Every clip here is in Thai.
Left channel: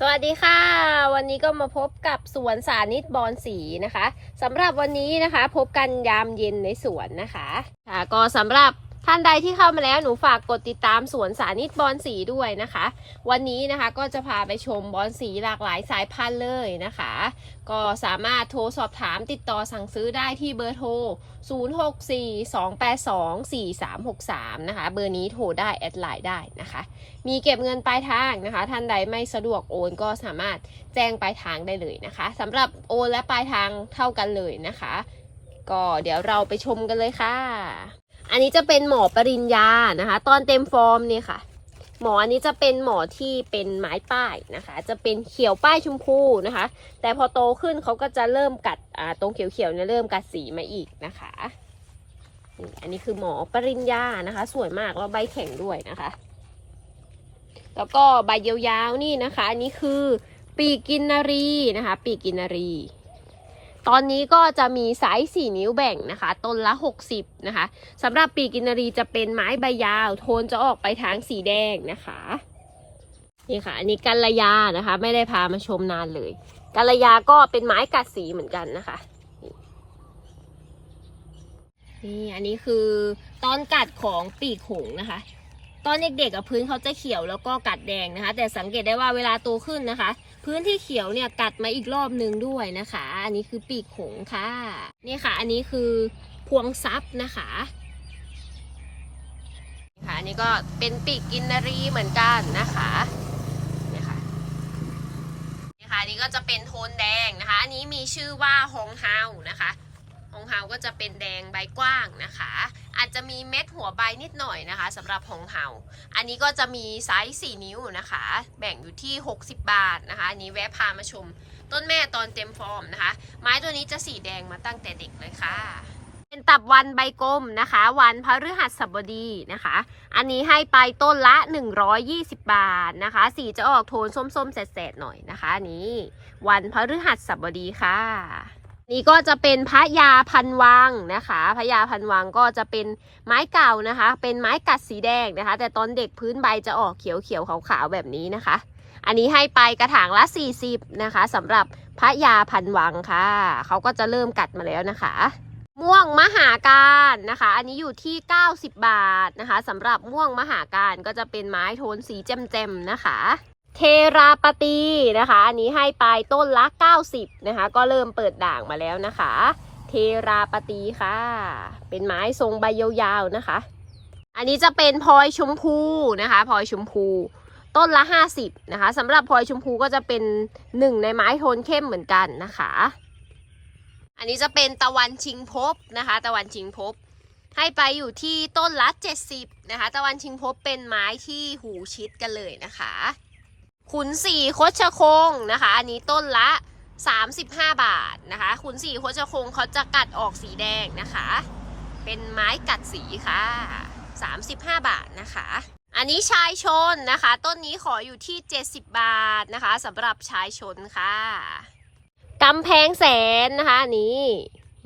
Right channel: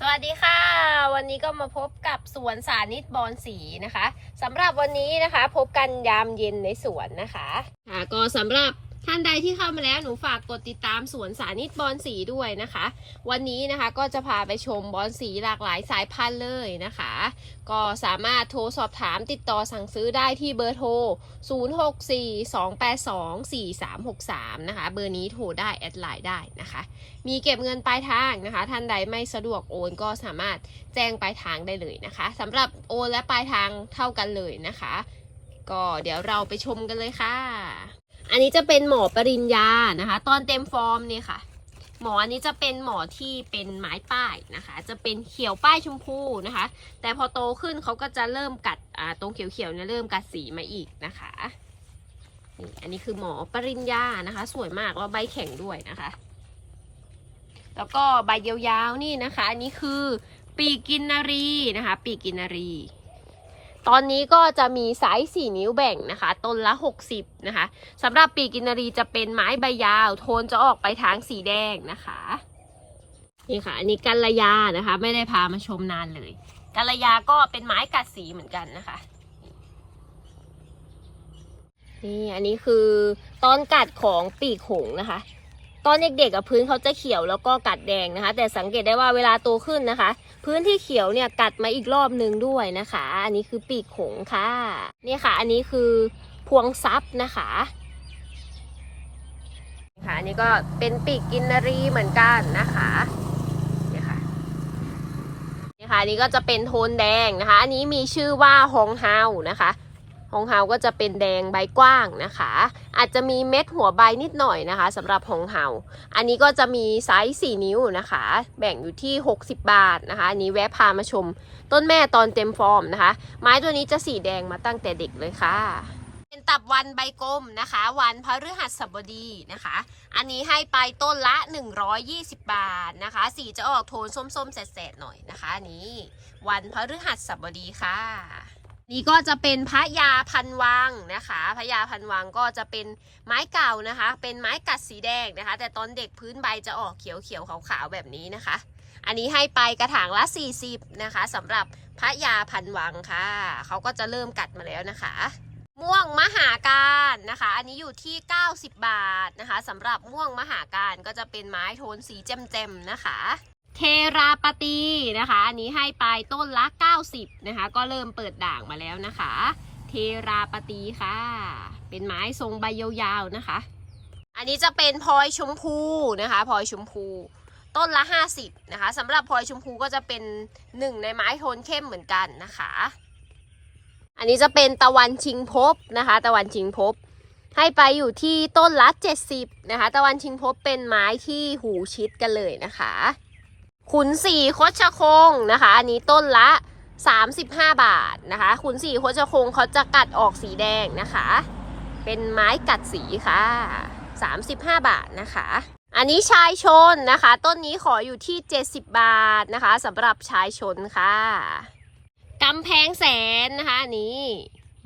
สวัสดีค่ะ วันนี้ก็มาพบกับสวนสานิตบอนสีนะคะสำหรับวันนี้นะคะ พบกันยามเย็นในสวนนะคะ ค่ะก็สำหรับ ท่านใดที่เข้ามาแล้วหนูฝากกดติดตามสวนสานิตบอนสีด้วยนะคะ วันนี้นะคะก็จะพาไปชมบอนสีหลากหลายสายพันธุ์เลยนะคะ ก็สามารถโทรสอบถามติดต่อสั่งซื้อได้ที่เบอร์โทร 0642824363 นะคะ เบอร์นี้โทรได้แอดไลน์ได้นะคะ มีเก็บเงินปลายทางนะคะ ท่านใดไม่สะดวกโอนก็สามารถแจ้งปลายทางได้เลยนะคะสำหรับโอนและปลายทางเท่ากันเลยนะคะ ก็เดี๋ยวเราไปชมกันเลยค่ะ อันนี้จะเป็นหมอปริญญานะคะ ตอนเต็มฟอร์มเนี่ยค่ะ หมออันนี้จะเป็นหมอที่เป็นไม้ป้ายนะคะ จะเป็นเขียวป้ายชมพูนะคะ แต่พอโตขึ้นเขาก็จะเริ่มกัดอ่าตรงเขียวๆเนี่ยเริ่มกัดสีมาอีกนะคะนี่อันนี้คือหมอปริญญานะคะ สวยมากแล้วใบแข็งด้วยนะคะ แล้วก็ใบยาวๆนี่นะคะ อันนี้คือปีกกินนารีนะคะ ปีกกินนารี ตอนนี้ก็จะมีไซส์สี่นิ้วแบ่งนะคะ ต้นละ 60 นะคะสำหรับปีกินารีจะเป็นไม้ใบยาว โทนจะออกไปทางสีแดงนะคะ นี่ค่ะ อันนี้กัลยานะคะ ไม่ได้พามาชมนานเลย กัลยาก็เป็นไม้กัดสีเหมือนกันนะคะนี่อันนี้คือตอนกัดของปีกหงนะคะ ตอนเด็กๆกับพื้นเขาจะเขียวแล้วก็กัดแดงนะคะ แต่สังเกตได้ว่าเวลาโตขึ้นนะคะ พื้นที่เขียวเนี่ยกัดมาอีกรอบหนึ่งด้วยนะคะ อันนี้คือปีกหงค่ะนี่ค่ะ อันนี้คือพวงซับนะคะค่ะอันนี้ก็เป็นปีกกินนารีเหมือนกันนะคะนี่ค่ะนี่ค่ะอันนี้ก็จะเป็นโทนแดงนะคะ อันนี้มีชื่อว่าฮองเฮานะคะฮองเฮาก็จะเป็นแดงใบกว้างนะคะ อาจจะมีเม็ดหัวใบนิดหน่อยนะคะสำหรับฮองเฮาอันนี้ก็จะมีไซส์4นิ้วนะคะ แบ่งอยู่ที่ 60 บาทนะคะอันนี้แวะพามาชมต้นแม่ตอนเต็มฟอร์มนะคะ ไม้ตัวนี้จะสีแดงมาตั้งแต่เด็กเลยค่ะ เป็นตับวันใบกลมนะคะ วันพฤหัสบดีนะคะ อันนี้ให้ไปต้นละ 120 บาทนะคะ สีจะออกโทนส้มๆแสดๆหน่อยนะคะอันนี้ วันพฤหัสบดีค่ะ นี่ก็จะเป็นพระยาพันวังนะคะพระยาพันวังก็จะเป็นไม้เก่านะคะ เป็นไม้กัดสีแดงนะคะ แต่ตอนเด็กพื้นใบจะออกเขียวเขียวๆขาวๆแบบนี้นะคะ อันนี้ให้ไปกระถางละ 40 นะคะสำหรับพระยาพันวังค่ะ เขาก็จะเริ่มกัดมาแล้วนะคะ ม่วงมหาการนะคะ อันนี้อยู่ที่ 90 บาทนะคะสำหรับม่วงมหาการก็จะเป็นไม้โทนสีแจ่มๆนะคะ เทราปตีนะคะ อันนี้ให้ไปต้นละ 90 นะคะ ก็เริ่มเปิดด่างมาแล้วนะคะ เทราปตีค่ะ เป็นไม้ทรงใบยาวๆนะคะ อันนี้จะเป็นพลอยชมพูนะคะพลอยชมพูต้นละ 50นะคะสำหรับพลอยชมพูก็จะเป็นหนึ่งในไม้โทนเข้มเหมือนกันนะคะ อันนี้จะเป็นตะวันชิงภพนะคะ ตะวันชิงภพให้ไปอยู่ที่ต้นละ 70นะคะ ตะวันชิงภพเป็นไม้ที่หูชิดกันเลยนะคะ ขุนสีโคชคงนะคะ อันนี้ต้นละ 35 บาทนะคะ ขุนสีโคชคงเขาจะกัดออกสีแดงนะคะ เป็นไม้กัดสีค่ะ 35 บาทนะคะ อันนี้ชายชนนะคะ ต้นนี้ขออยู่ที่ 70 บาทนะคะสำหรับชายชนค่ะกำแพงแสนนะคะอันนี้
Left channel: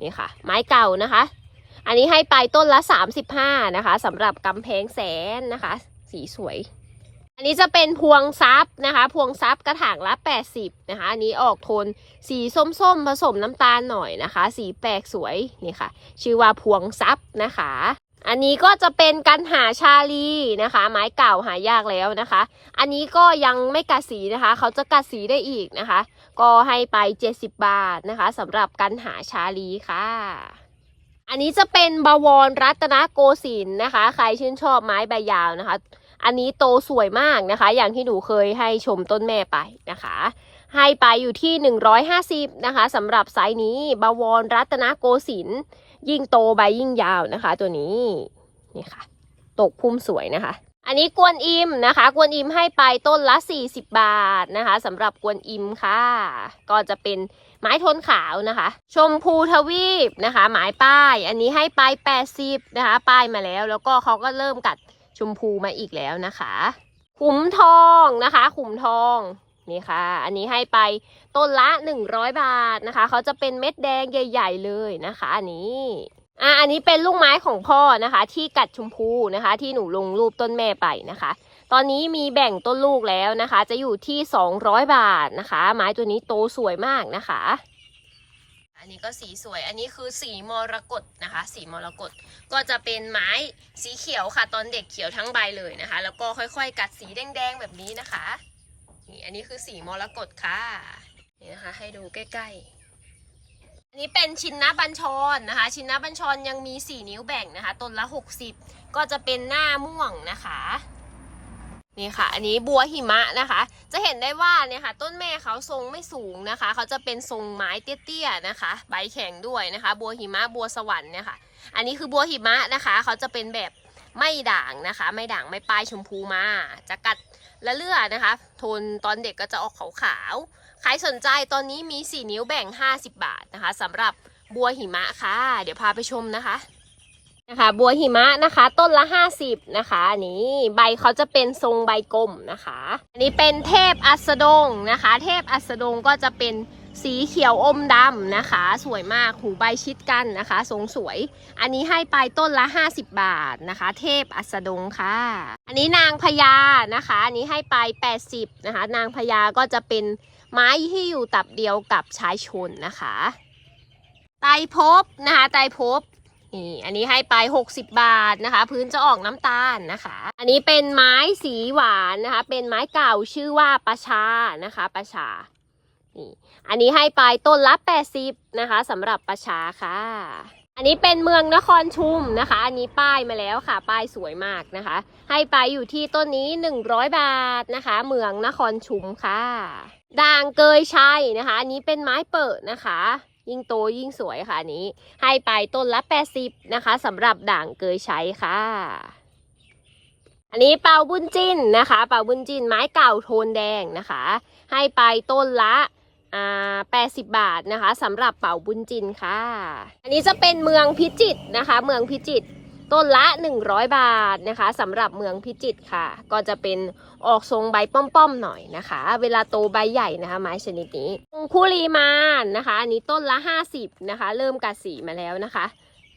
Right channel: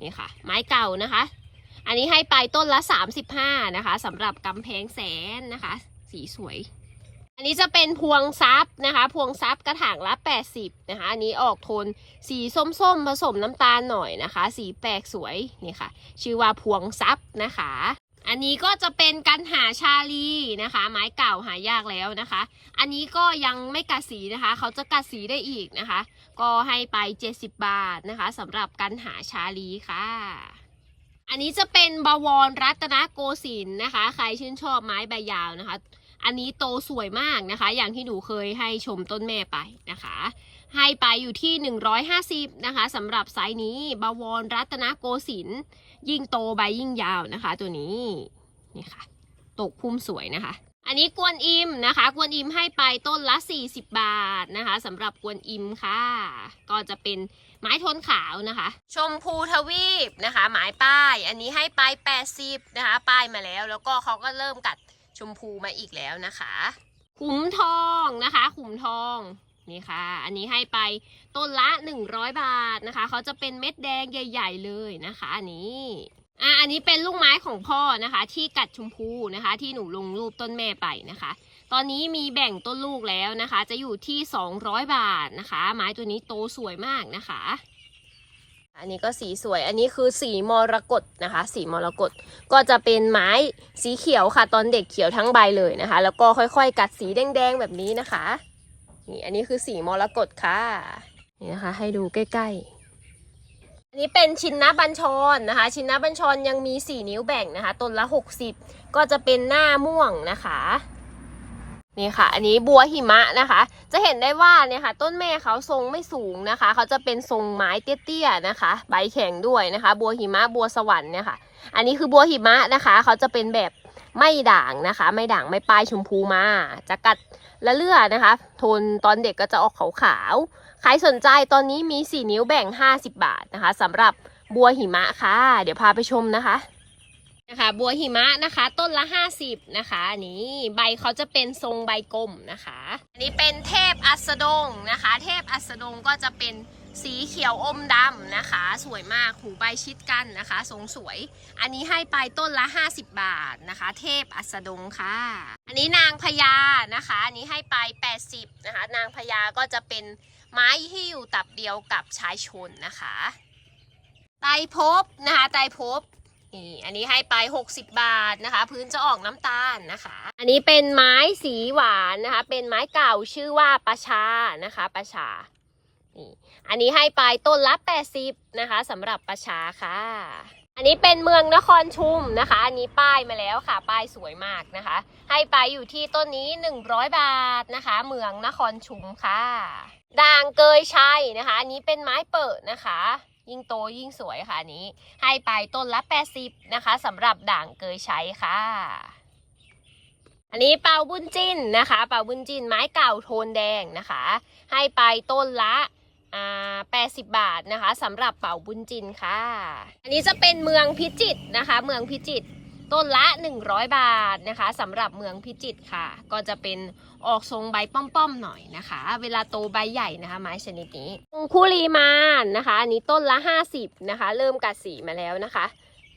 นี่ค่ะ ไม้เก่านะคะ อันนี้ให้ไปต้นละ 35นะคะสำหรับกำแพงแสนนะคะ สีสวย อันนี้จะเป็นพวงซับนะคะ พวงซับกระถางละ 80 นะคะ อันนี้ออกโทนสีส้มๆผสมน้ำตาลหน่อยนะคะ สีแปลกสวยนี่ค่ะ ชื่อว่าพวงซับนะคะ อันนี้ก็จะเป็นกันหาชาลีนะคะ ไม้เก่าหายากแล้วนะคะ อันนี้ก็ยังไม่กัดสีนะคะ เขาจะกัดสีได้อีกนะคะ ก็ให้ไป 70 บาทนะคะสำหรับกันหาชาลีค่ะอันนี้จะเป็นบวรรัตนโกสินทร์นะคะ ใครชื่นชอบไม้ใบยาวนะคะ อันนี้โตสวยมากนะคะ อย่างที่หนูเคยให้ชมต้นแม่ไปนะคะ ให้ไปอยู่ที่ 150 นะคะสำหรับไซส์นี้บวรรัตนโกสินทร์ยิ่งโตใบยิ่งยาวนะคะ ตัวนี้นี่ค่ะ ตกพุ่มสวยนะคะ อันนี้กวนอิมนะคะ กวนอิมให้ไปต้นละ 40 บาทนะคะสำหรับกวนอิมค่ะ ก็จะเป็นไม้ทนขาวนะคะ ชมพูทวีปนะคะ หมายป้าย อันนี้ให้ไป 80 นะคะ ป้ายมาแล้ว แล้วก็เขาก็เริ่มกัด ชมพูมาอีกแล้วนะคะ ขุมทองนะคะ ขุมทองนี่ค่ะ อันนี้ให้ไปต้นละ 100 บาทนะคะ เขาจะเป็นเม็ดแดงใหญ่ ๆ เลยนะคะ อันนี้อะอันนี้เป็นลูกไม้ของพ่อนะคะ ที่กัดชมพูนะคะ ที่หนูลงรูปต้นแม่ไปนะคะ ตอนนี้มีแบ่งต้นลูกแล้วนะคะ จะอยู่ที่ 200 บาทนะคะ ไม้ตัวนี้โตสวยมากนะคะ อันนี้ก็สีสวย อันนี้คือสีมรกตนะคะ สีมรกตก็จะเป็นไม้สีเขียวค่ะ ตอนเด็กเขียวทั้งใบเลยนะคะ แล้วก็ค่อยๆ กัดสีแดงๆแบบนี้นะคะ นี่อันนี้คือสีมรกตค่ะ นี่นะคะ ให้ดูใกล้ๆอันนี้เป็นชินนะบัญชรนะคะ ชินนะบัญชรยังมี 4 นิ้วแบ่งนะคะ ต้นละ 60 ก็จะเป็นหน้าม่วงนะคะ นี่ค่ะ อันนี้บัวหิมะนะคะ จะเห็นได้ว่าเนี่ยค่ะ ต้นแม่เขาทรงไม่สูงนะคะ เขาจะเป็นทรงไม้เตี้ยๆนะคะ ใบแข็งด้วยนะคะ บัวหิมะบัวสวรรค์เนี่ยค่ะ อันนี้คือบัวหิมะนะคะ เขาจะเป็นแบบไม่ด่างนะคะ ไม่ด่างไม่ปลายชมพูมา จะกัดละเลือนะคะ โทนตอนเด็กก็จะออกขาวๆ ใครสนใจตอนนี้มี 4 นิ้วแบ่ง 50 บาทนะคะสำหรับบัวหิมะค่ะ เดี๋ยวพาไปชมนะคะ นะคะ บัวหิมะนะคะ ต้นละ 50 นะคะอันนี้ใบเขาจะเป็นทรงใบกลมนะคะ อันนี้เป็นเทพอัสดงนะคะ เทพอัสดงก็จะเป็นสีเขียวอมดำนะคะ สวยมากหูใบชิดกันนะคะ ทรงสวย อันนี้ให้ไปต้นละ 50 บาทนะคะ เทพอัสดงค่ะ อันนี้นางพญานะคะ อันนี้ให้ไป 80นะคะ นางพญาก็จะเป็นไม้ที่อยู่ตับเดียวกับชายชนนะคะ ไตรภพนะคะ ไตรภพ นี่อันนี้ให้ไป 60 บาทนะคะ พื้นจะออกน้ำตาลนะคะ อันนี้เป็นไม้สีหวานนะคะ เป็นไม้เก่าชื่อว่าประชานะคะประชานี่อันนี้ให้ไปต้นละ 80 นะคะสำหรับประชาค่ะ อันนี้เป็นเมืองนครชุมนะคะ อันนี้ป้ายมาแล้วค่ะ ป้ายสวยมากนะคะ ให้ไปอยู่ที่ต้นนี้ 100 บาทนะคะ เมืองนครชุมค่ะด่างเกยชัยนะคะ อันนี้เป็นไม้เปิดนะคะ ยิ่งโตยิ่งสวยค่ะนี้ ให้ไปต้นละ 80 นะคะสำหรับด่างเกยใชัยค่ะ อันนี้เป่าบุญจินนะคะ เป่าบุญจินไม้เก่าโทนแดงนะคะ ให้ไปต้นละอ่า80 บาทนะคะสำหรับเป่าบุญจินค่ะ อันนี้จะเป็นเมืองพิจิตรนะคะ เมืองพิจิตรต้นละ 100 บาทนะคะสำหรับเมืองพิจิตรค่ะ ก็จะเป็น ออกทรงใบป้อมๆหน่อยนะคะ เวลาโตใบใหญ่นะคะ ไม้ชนิดนี้องคุลีมานนะคะ อันนี้ต้นละ 50 นะคะ เริ่มกัดสีมาแล้วนะคะ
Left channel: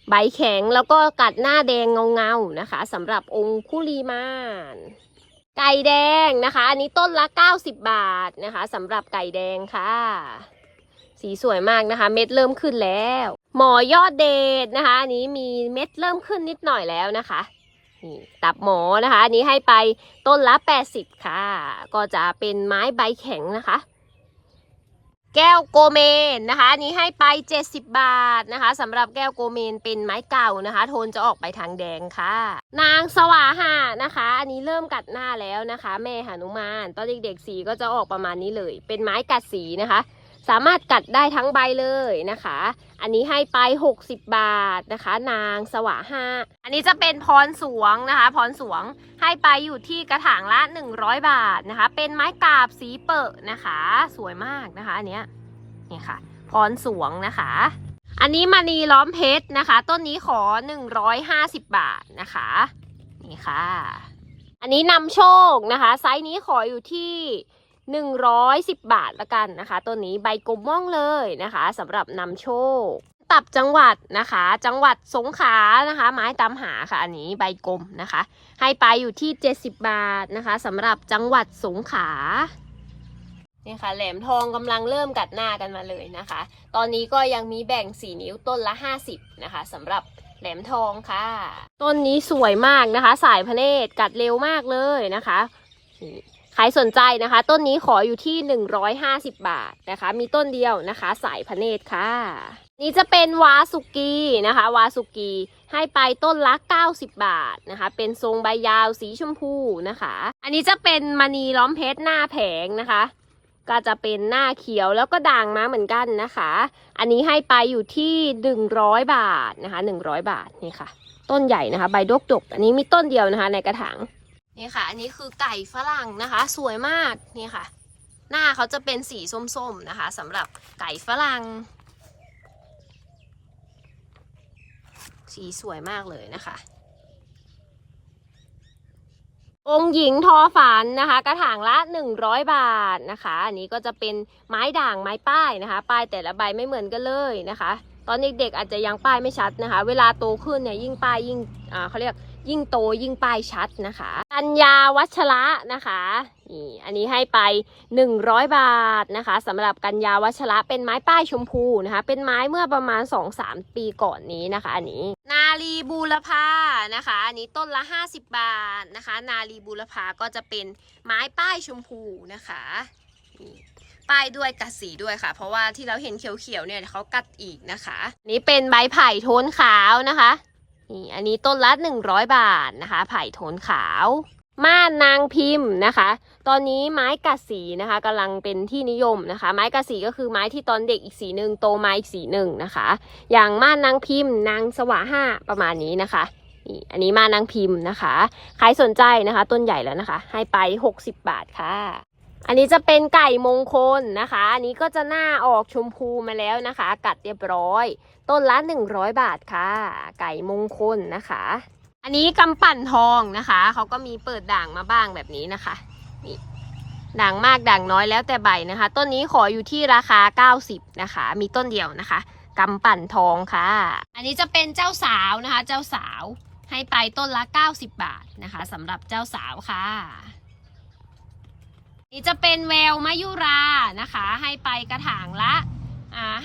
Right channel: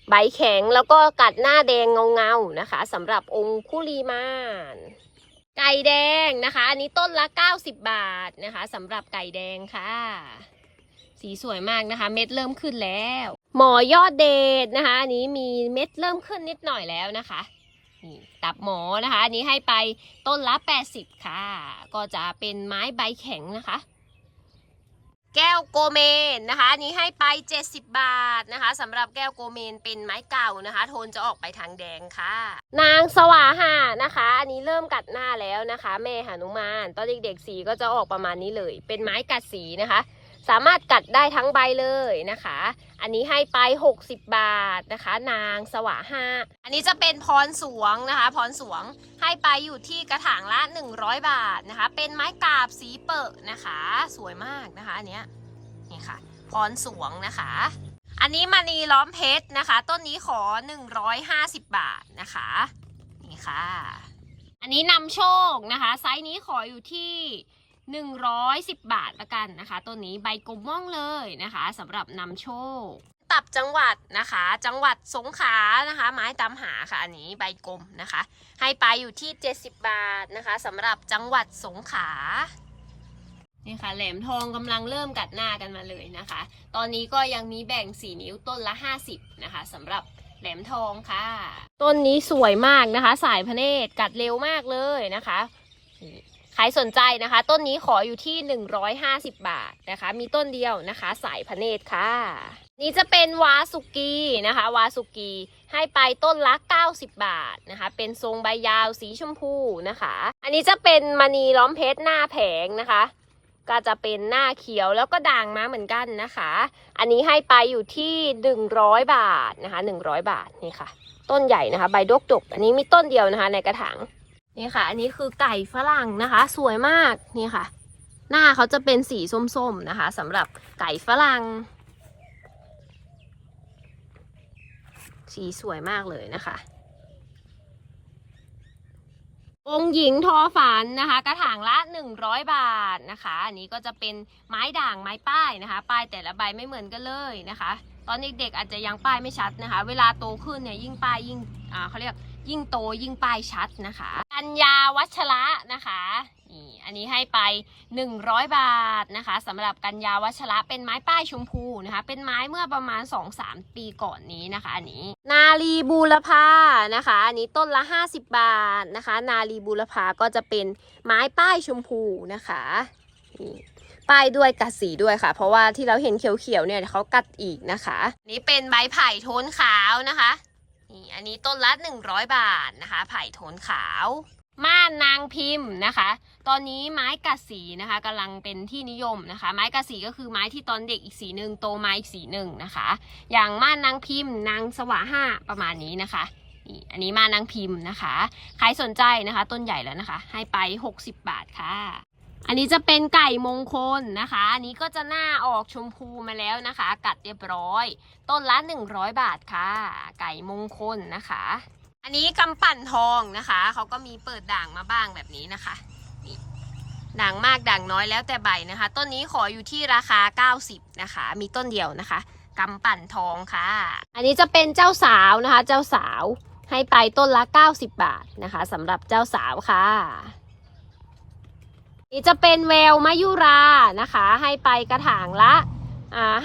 ใบแข็งแล้วก็กัดหน้าแดงเงาๆนะคะสำหรับองคุลีมานไก่แดงนะคะ อันนี้ต้นละ 90 บาทนะคะสำหรับไก่แดงค่ะ สีสวยมากนะคะ เม็ดเริ่มขึ้นแล้ว หมอยอดเดชนะคะ อันนี้มีเม็ดเริ่มขึ้นนิดหน่อยแล้วนะคะ นี่ตับหมอนะคะ อันนี้ให้ไปต้นละ 80 ค่ะ ก็จะเป็นไม้ใบแข็งนะคะ แก้วโกเมนนะคะอันนี้ให้ไป 70 บาทนะคะสำหรับแก้วโกเมนเป็นไม้เก่านะคะ โทนจะออกไปทางแดงค่ะ นางสวาหานะคะ อันนี้เริ่มกัดหน้าแล้วนะคะ แม่หนุมานตอนเด็กๆสีก็จะออกประมาณนี้เลย เป็นไม้กัดสีนะคะ สามารถกัดได้ทั้งใบเลยนะคะ อันนี้ให้ไป 60 บาทนะคะ นางสวาห้าอันนี้จะเป็นพรสวงนะคะ พรสวงให้ไปอยู่ที่กระถางละ 100 บาทนะคะ เป็นไม้กาบสีเปิดนะคะ สวยมากนะคะ อันเนี้ยนี่ค่ะ พรสวงนะคะ อันนี้มณีล้อมเพชรนะคะ ต้นนี้ขอ 150 บาทนะคะ นี่ค่ะ อันนี้นำโชคนะคะ ไซส์นี้ขออยู่ที่ 110 บาทละกันนะคะต้นนี้ใบกลมม่องเลยนะคะสำหรับนำโชค ตับจังหวัดนะคะ จังหวัดสงขลานะคะ ไม้ตามหาค่ะอันนี้ใบกลมนะคะ ให้ไปอยู่ที่ 70 บาทนะคะสำหรับจังหวัดสงขลานี่ค่ะแหลมทองกำลังเริ่มกัดหน้ากันมาเลยนะคะ ตอนนี้ก็ยังมีแบ่ง 4 นิ้วต้นละ 50 นะคะสำหรับแหลมทองค่ะ ต้นนี้สวยมากนะคะ สายพระเนตรกัดเร็วมากเลยนะคะ ใครสนใจนะคะ ต้นนี้ขออยู่ที่ 150 บาทนะคะ มีต้นเดียวนะคะ สายพระเนตรค่ะ นี่จะเป็นวาสุกีนะคะ วาสุกีให้ไปต้นละ 90 บาทนะคะ เป็นทรงใบยาวสีชมพูนะคะ อันนี้จะเป็นมณีล้อมเพชรหน้าแผงนะคะ ก็จะเป็นหน้าเขียวแล้วก็ด่างมาเหมือนกันนะคะ อันนี้ให้ไปอยู่ที่ 100 บาทนะคะ 100 บาทนี่ค่ะ ต้นใหญ่นะคะ ใบดกดกอันนี้มีต้นเดียวนะคะ ในกระถาง นี่ค่ะ อันนี้คือไก่ฝรั่งนะคะ สวยมากนี่ค่ะ หน้าเขาจะเป็นสีส้มๆนะคะสำหรับไก่ฝรั่ง สีสวยมากเลยนะคะ องหญิงทอฝันนะคะ กระถางละ 100 บาทนะคะ อันนี้ก็จะเป็นไม้ด่างไม้ป้ายนะคะ ป้ายแต่ละใบไม่เหมือนกันเลยนะคะ ตอนเด็กๆอาจจะยังป้ายไม่ชัดนะคะ เวลาโตขึ้นเนี่ยยิ่งป้ายยิ่งอ่าเขาเรียก ยิ่งโตยิ่งป้ายชัดนะคะกัญญาวัชระนะคะนี่อันนี้ให้ไป 100 บาทนะคะสำหรับกัญญาวัชระเป็นไม้ป้ายชมพูนะคะ เป็นไม้เมื่อประมาณ 2-3 ปีก่อนนี้นะคะ อันนี้ นาลีบูรพานะคะ อันนี้ต้นละ 50 บาทนะคะ นาลีบูรพาก็จะเป็นไม้ป้ายชมพูนะคะนี่ป้ายด้วยกัดสีด้วยค่ะ เพราะว่าที่เราเห็นเขียวๆเนี่ยเขากัดอีกนะคะนนี่เป็นใบไผ่โทนขาวนะคะ นี่อันนี้ต้นละ100บาทนะคะ ไผ่โทนขาว ม่านนางพิมพ์นะคะ ตอนนี้ไม้กัดสีนะคะกำลังเป็นที่นิยมนะคะ ไม้กัดสีก็คือไม้ที่ตอนเด็กอีกสีหนึ่งโตมาอีกสีหนึ่งนะคะ อย่างม่านนางพิมพ์นางสวะห้าประมาณนี้นะคะนี่อันนี้ม่านนางพิมพ์นะคะ ใครสนใจนะคะ ต้นใหญ่แล้วนะคะ ให้ไป 60 บาทค่ะ อันนี้จะเป็นไก่มงคลนะคะ อันนี้ก็จะหน้าออกชมพูมาแล้วนะคะ กัดเรียบร้อย ต้นละ100บาทค่ะ ไก่มงคลนะคะ อันนี้กำปั่นทองนะคะ เขาก็มีเปิดด่างมาบ้างแบบนี้นะคะนี่ด่างมากด่างน้อยแล้วแต่ใบนะคะ ต้นนี้ขออยู่ที่ราคา 90 นะคะ มีต้นเดียวนะคะกำปั่นทองค่ะ อันนี้จะเป็นเจ้าสาวนะคะ เจ้าสาวให้ไปต้นละ 90 บาทนะคะสำหรับเจ้าสาวค่ะ นี่จะเป็นแววมายุรานะคะ ให้ไปกระถางละ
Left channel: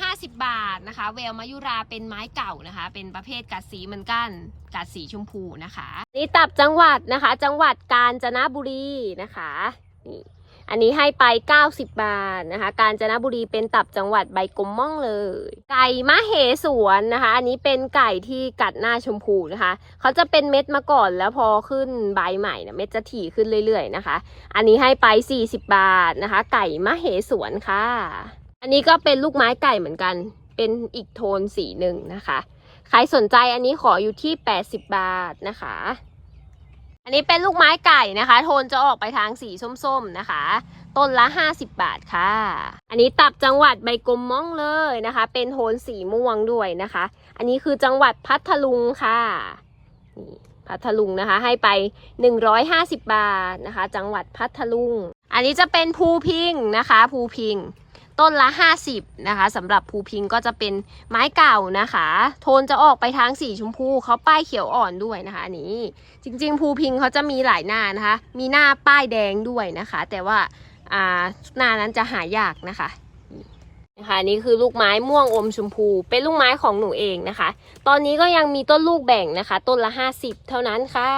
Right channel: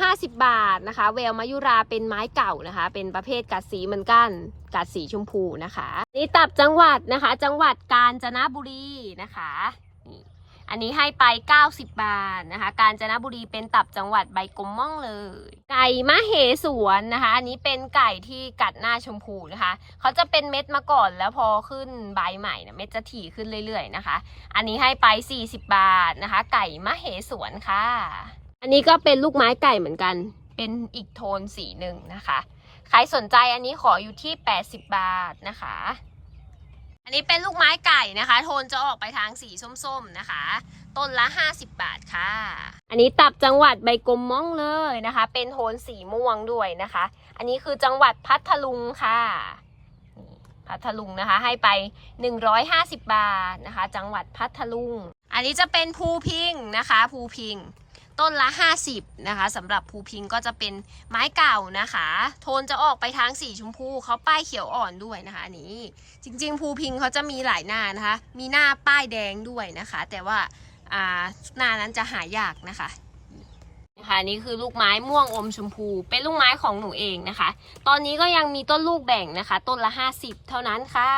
ห้าสิบบาทนะคะ แววมายุราเป็นไม้เก่านะคะ เป็นประเภทกัดสีเหมือนกันกัดสีชมพูนะคะ นี่ตับจังหวัดนะคะ จังหวัดกาญจนบุรีนะคะนี่ อันนี้ให้ไป 90 บาทนะคะ กาญจนบุรีเป็นตับจังหวัดใบกลมม่องเลย ไก่มะเหสวนนะคะ อันนี้เป็นไก่ที่กัดหน้าชมพูนะคะ เขาจะเป็นเม็ดมาก่อนแล้วพอขึ้นใบใหม่เนี่ยเม็ดจะถี่ขึ้นเรื่อยๆนะคะ อันนี้ให้ไป 40 บาทนะคะ ไก่มะเหสวนค่ะ อันนี้ก็เป็นลูกไม้ไก่เหมือนกัน เป็นอีกโทนสีหนึ่งนะคะ ใครสนใจอันนี้ขออยู่ที่ 80 บาทนะคะ อันนี้เป็นลูกไม้ไก่นะคะ โทนจะออกไปทางสีส้มๆนะคะ ต้นละ 50 บาทค่ะ อันนี้ตับจังหวัดใบกลมม่องเลยนะคะ เป็นโทนสีม่วงด้วยนะคะ อันนี้คือจังหวัดพัทลุงค่ะพัทลุงนะคะ ให้ไป 150 บาทนะคะ จังหวัดพัทลุง อันนี้จะเป็นภูพิงนะคะ ภูพิง ต้นละ 50 นะคะสำหรับภูพิงก็จะเป็นไม้เก่านะคะ โทนจะออกไปทางสีชมพูเขาป้ายเขียวอ่อนด้วยนะคะนี้จริงๆภูพิงเขาจะมีหลายหน้านะคะ มีหน้าป้ายแดงด้วยนะคะ แต่ว่าอ่าหน้านั้นจะหายากนะคะนะคะนนี่คือลูกไม้ม่วงอมชมพู เป็นลูกไม้ของหนูเองนะคะ ตอนนี้ก็ยังมีต้นลูกแบ่งนะคะ ต้นละ 50 เท่านั้นค่ะ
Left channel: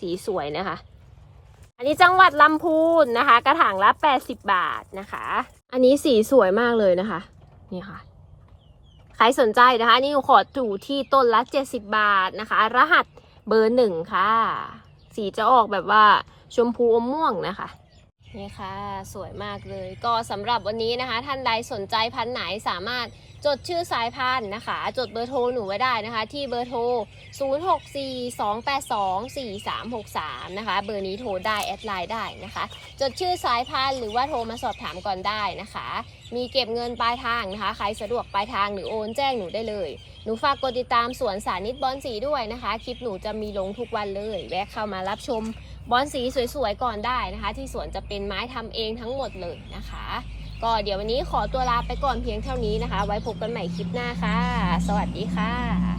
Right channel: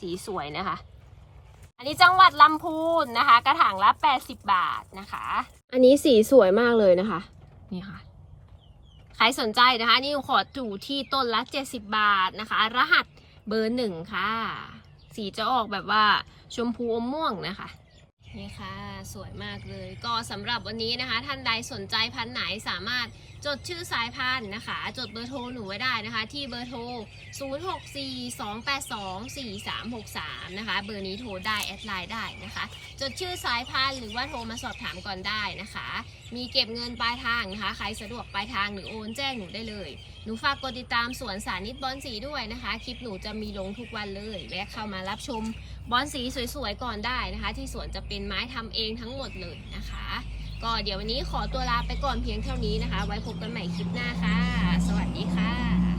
สีสวยนะคะ อันนี้จังหวัดลำพูนนะคะ กระถางละ 80 บาทนะคะ อันนี้สีสวยมากเลยนะคะ นี่ค่ะ ใครสนใจนะคะ นี่ขอถูที่ต้นละ 70 บาทนะคะ รหัสเบอร์หนึ่งค่ะ สีจะออกแบบว่าชมพูอมม่วงนะคะนี่ค่ะ สวยมากเลย ก็สำหรับวันนี้นะคะ ท่านใดสนใจพันไหนสามารถ จดชื่อสายพันธุ์นะคะ จดเบอร์โทรหนูไว้ได้นะคะ ที่เบอร์โทร 0642824363 นะคะ เบอร์นี้โทรได้แอดไลน์ได้นะคะ จดชื่อสายพันธุ์หรือว่าโทรมาสอบถามก่อนได้นะคะ มีเก็บเงินปลายทางนะคะ ใครสะดวกปลายทางหรือโอนแจ้งหนูได้เลย หนูฝากกดติดตามสวนสานิตบอลสีด้วยนะคะ คลิปหนูจะมีลงทุกวันเลย แวะเข้ามารับชมบอลสีสวยๆก่อนได้นะคะ ที่สวนจะเป็นไม้ทำเองทั้งหมดเลยนะคะ ก็เดี๋ยววันนี้ขอตัวลาไปก่อนเพียงเท่านี้นะคะ ไว้พบกันใหม่คลิปหน้าค่ะ สวัสดีค่ะ